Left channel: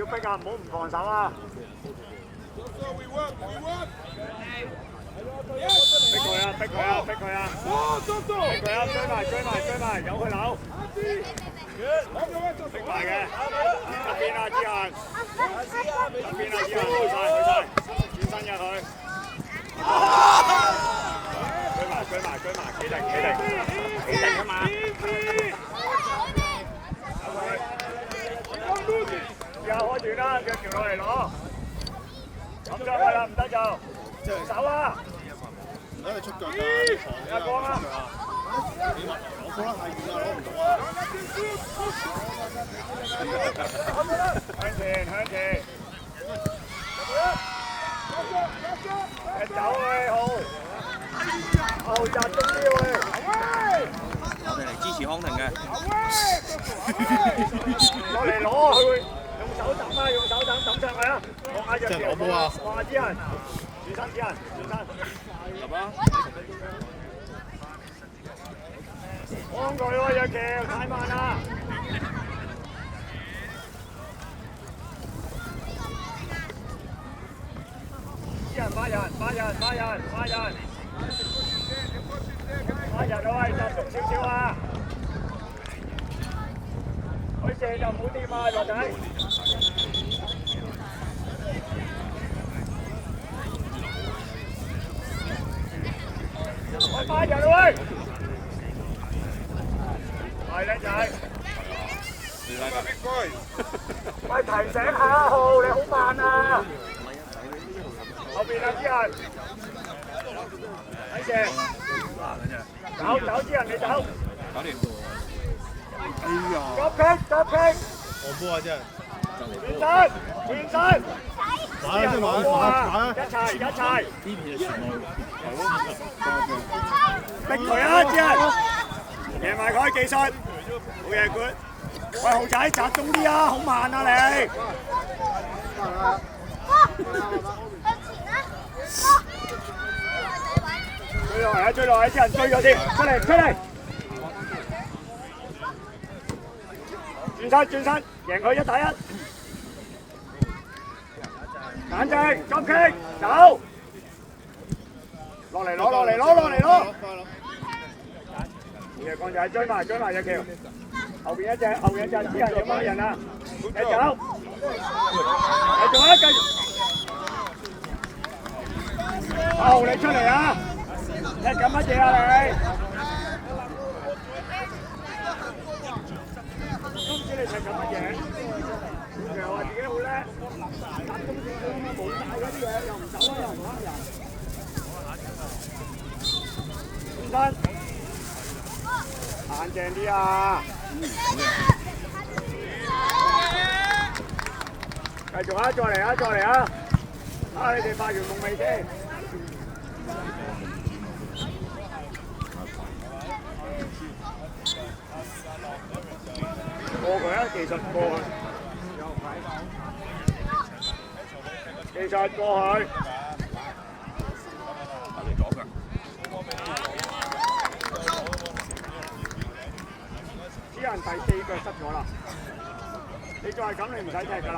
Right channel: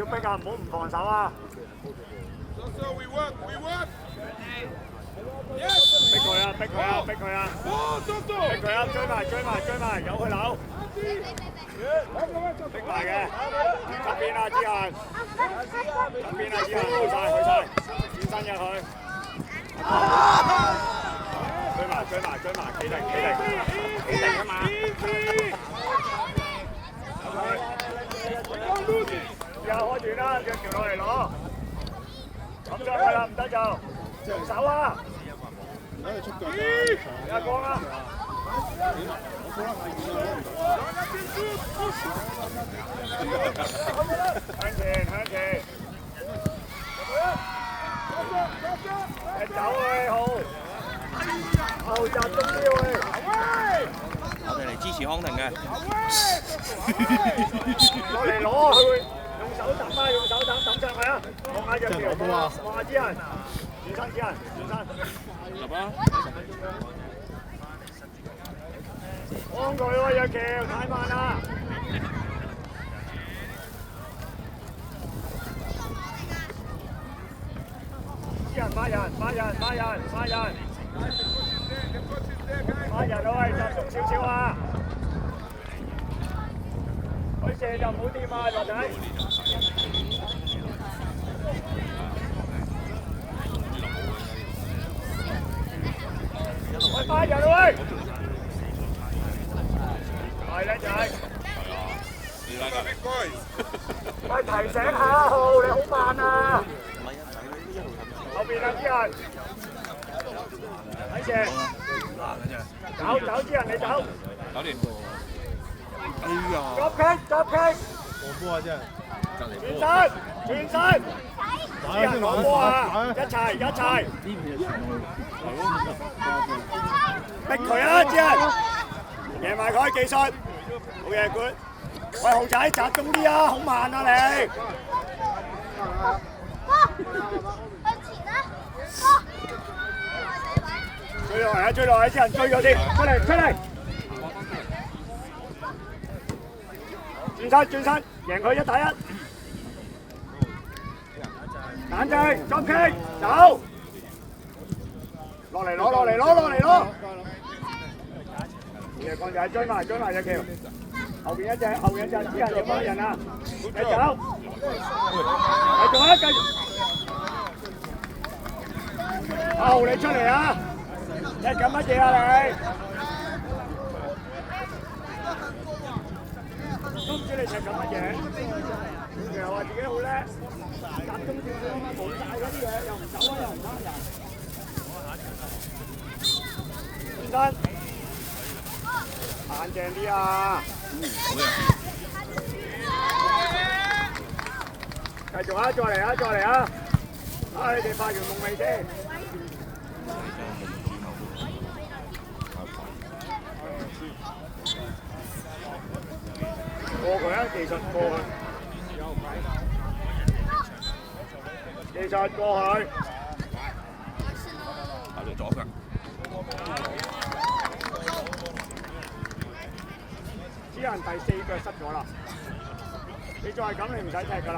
要逼啊，唔好唔防守啊！逼佢啊！逼佢啊！逼佢啊！逼佢啊！追埋追埋追埋，由佢扭。逼埋㗎，側邊啊！之後，側邊啊！之後，去曬，轉身嘅佢。追埋，企定啊嘛！之後開斷啦，腳橋落嚟攞。咁就係啦，唔得就停手啦。唔得佢出腳啦，阿哥啦。向前。走去後集中啲喎。我哋嚟支持康廷嘅。落嚟攞，佢會用手揼啦，用手揼上去啊！望下隻腳，望下之人，轉身。幫佢咯，隻腳太慢啦。殺人去，集中少少啊！佢射就唔好掂啊，落仔。我殺人去，係靚仔。喂，提醒下號，你好慢啊！後邊啊，之人，睇射，走之人你走，搞掂到。哎呀！急傾，我波啊真係。轉身，一齊，呢邊就全路。係咯。逼佢啊，之人，贏埋佢技術，好嘢 good。喂，豪仔集中啲啊，好慢啊你。追落嚟，啲人追咗添，出嚟！轉身，贏佢1打1。簡正，作擊，走！落嚟攞！嘅光仔追埋隻橋，後邊一隻，之後2班人啊，你走！繼續啊！你出嚟啊！你咁乜嘢啊你？都唔知你食咁乜嘢？又話自己好叻，轉身，硬淨啲啊！繼續啊！再嚟啊！你哋發完夢未先？過佢啊！技術過去，啲人第4腳失咗啦，你再係咁，你唔使踢㗎啦。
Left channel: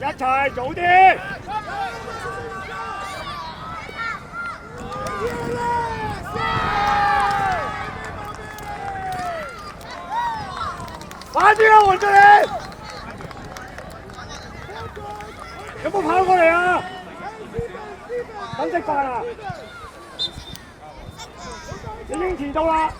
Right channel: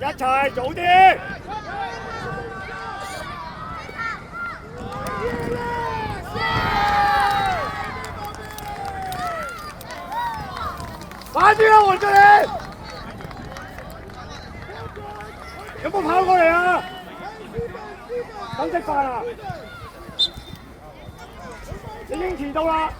一齊早啲！快啲啊！換咗你！有冇跑過嚟啊？等食飯啊！已經遲到啦！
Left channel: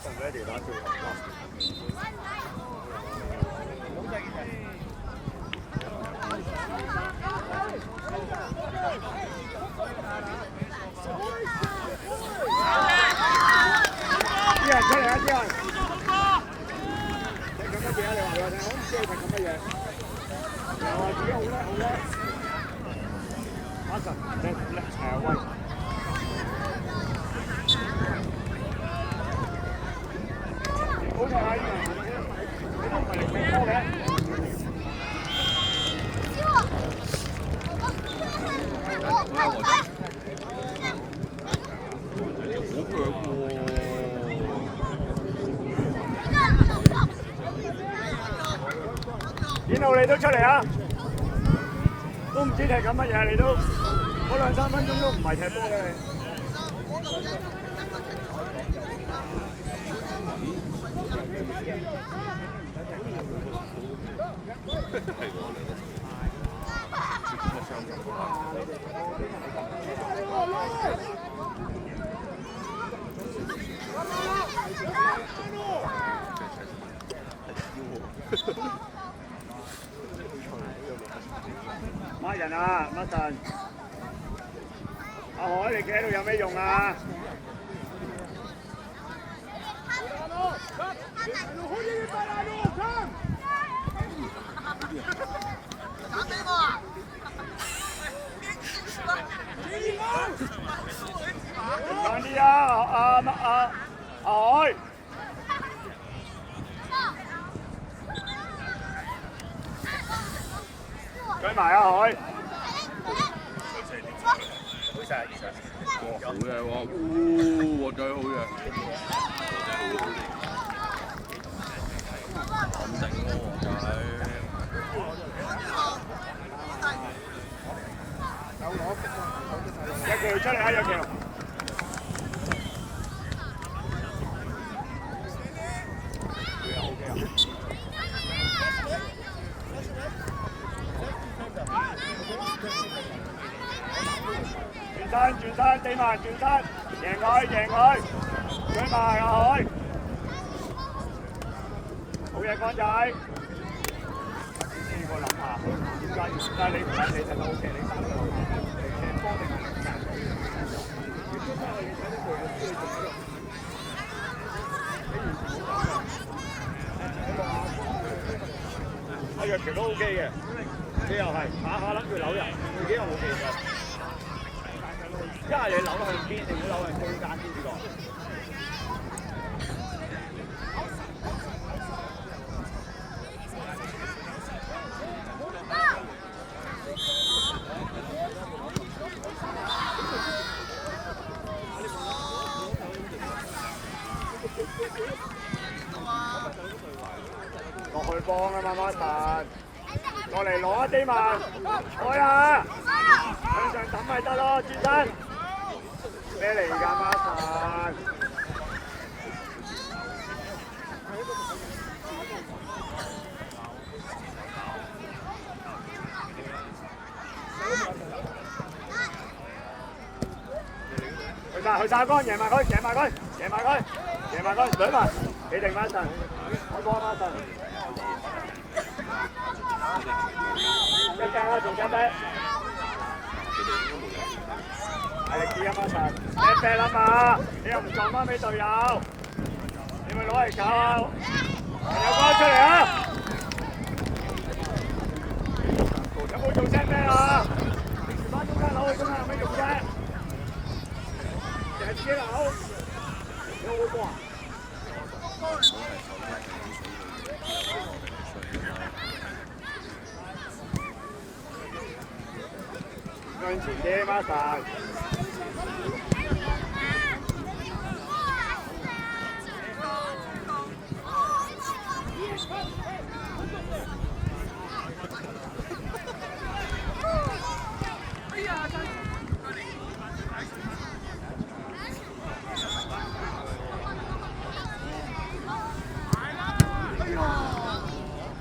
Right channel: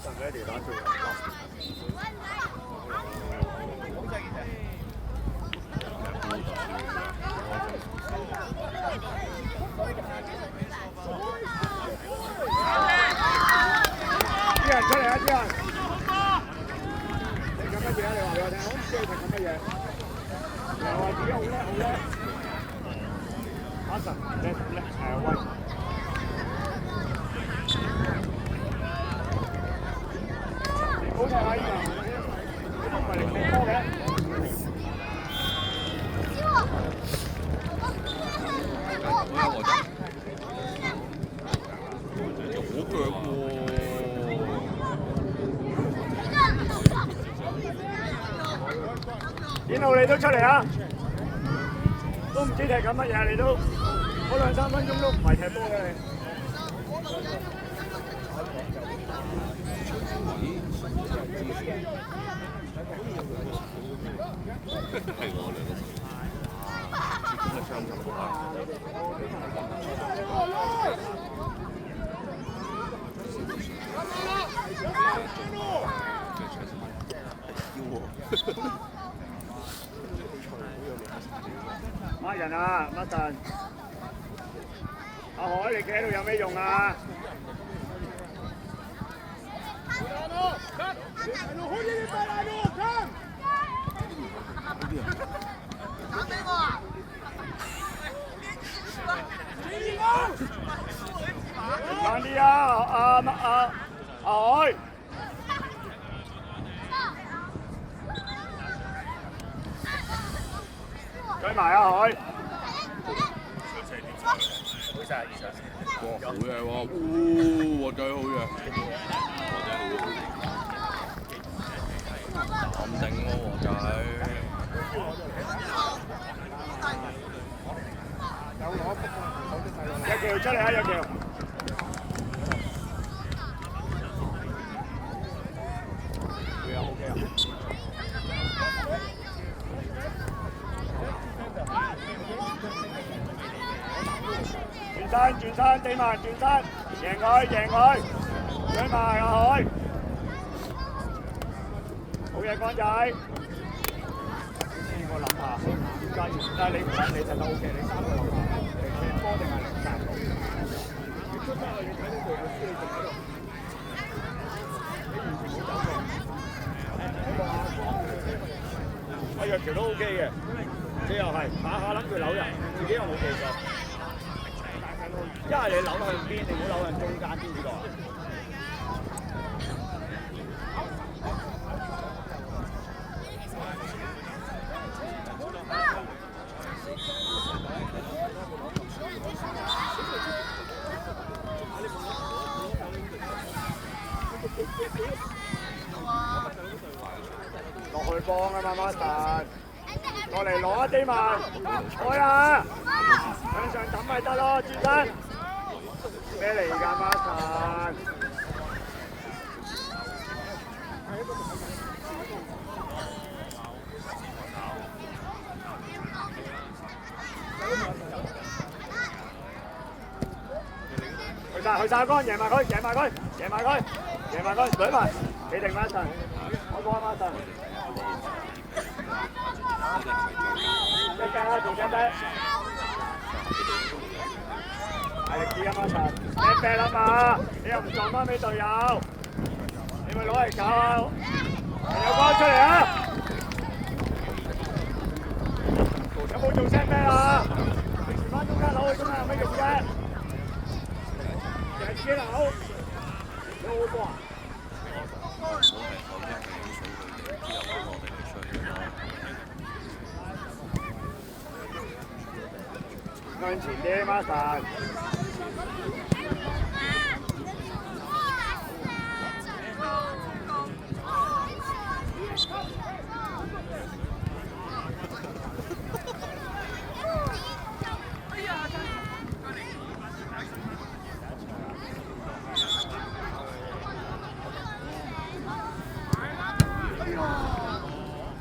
放咗一條板條。啲人出嚟啊！啲人，你講乜嘢啊？你話俾我聽，我唔知你講乜嘢。好睇啊！呢個，呢個係幾多嘅？邊度你都出嚟啊！都唔知踢緊乜嘢，你都嗰2-3分鐘都唔係踢波嘅。呃人啊，乜陣？阿海，你企喺度有咩用啊？講啲啊，阿海。追埋啊海！好嘢喎！我真係好嘢，咁頂喎我仔。日橋出嚟啊！日橋。轉身，地埋轉身，贏佢，追埋阿海，好嘢光仔。試過諗下，點解你唔揾你就 OK？ 你3個落嚟，你波定係2殺？阿若橋都 OK 嘅，佢又係下下諗住扭人，自己又冇技術。一係你扭向邊，定扭向中間邊個？落去幫啊嘛，馬神，過嚟攞一啲嘛，開啊！向上揼咪得咯，轉身。咩嚟㗎，馬神？去晒光，贏埋佢，贏埋佢，舉埋，你定馬神，我幫馬神。一隻啦，做隻隻。大力啲啊，馬神，一隻啦嘛，你又唔撞翻俾隊友，你咪攞嚟搞，有光出嚟啊！有冇做聲咩啊？翻中間攞去中間有咩用啫？向前啲，馬神。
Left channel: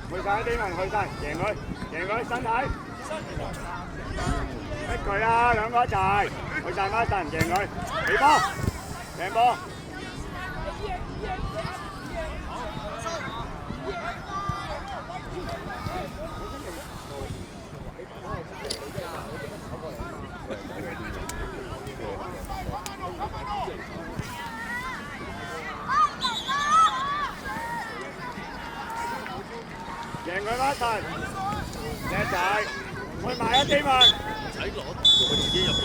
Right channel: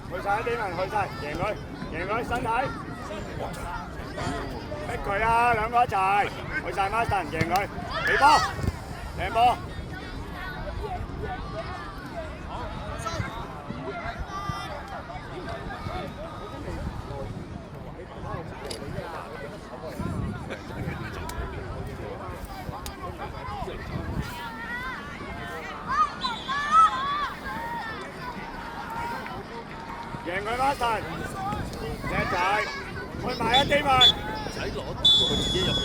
去晒啲人，去晒，贏佢，身體。一佢啊，兩個一齊，去晒馬神，贏佢，起波，贏波。贏佢一陣，靚仔，去埋一啲嘛。仔攞佢自己入嘅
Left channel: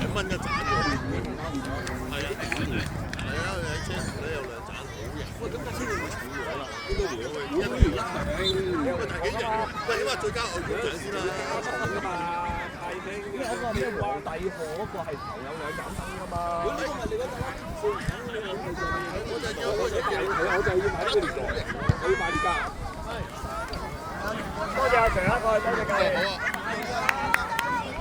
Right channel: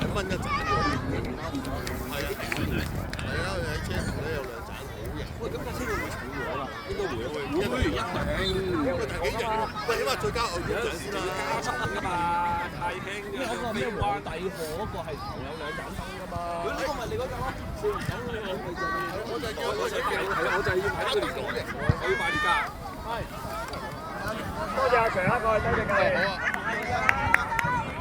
1蚊一盞係啊，喺車頭咧有2盞好型。喂，咁架車會唔會炒咗啦？應該會啊。會一定。幾型喎？喂，你話最佳外語獎先啦，7燈㗎嘛。咩嗰個咩皇帝賀嗰個係頭有2盞燈㗎嘛？如果呢個咪你嗰陣咯，我就要睇佢哋講型，我要買呢架。多謝阿強一個，多謝你。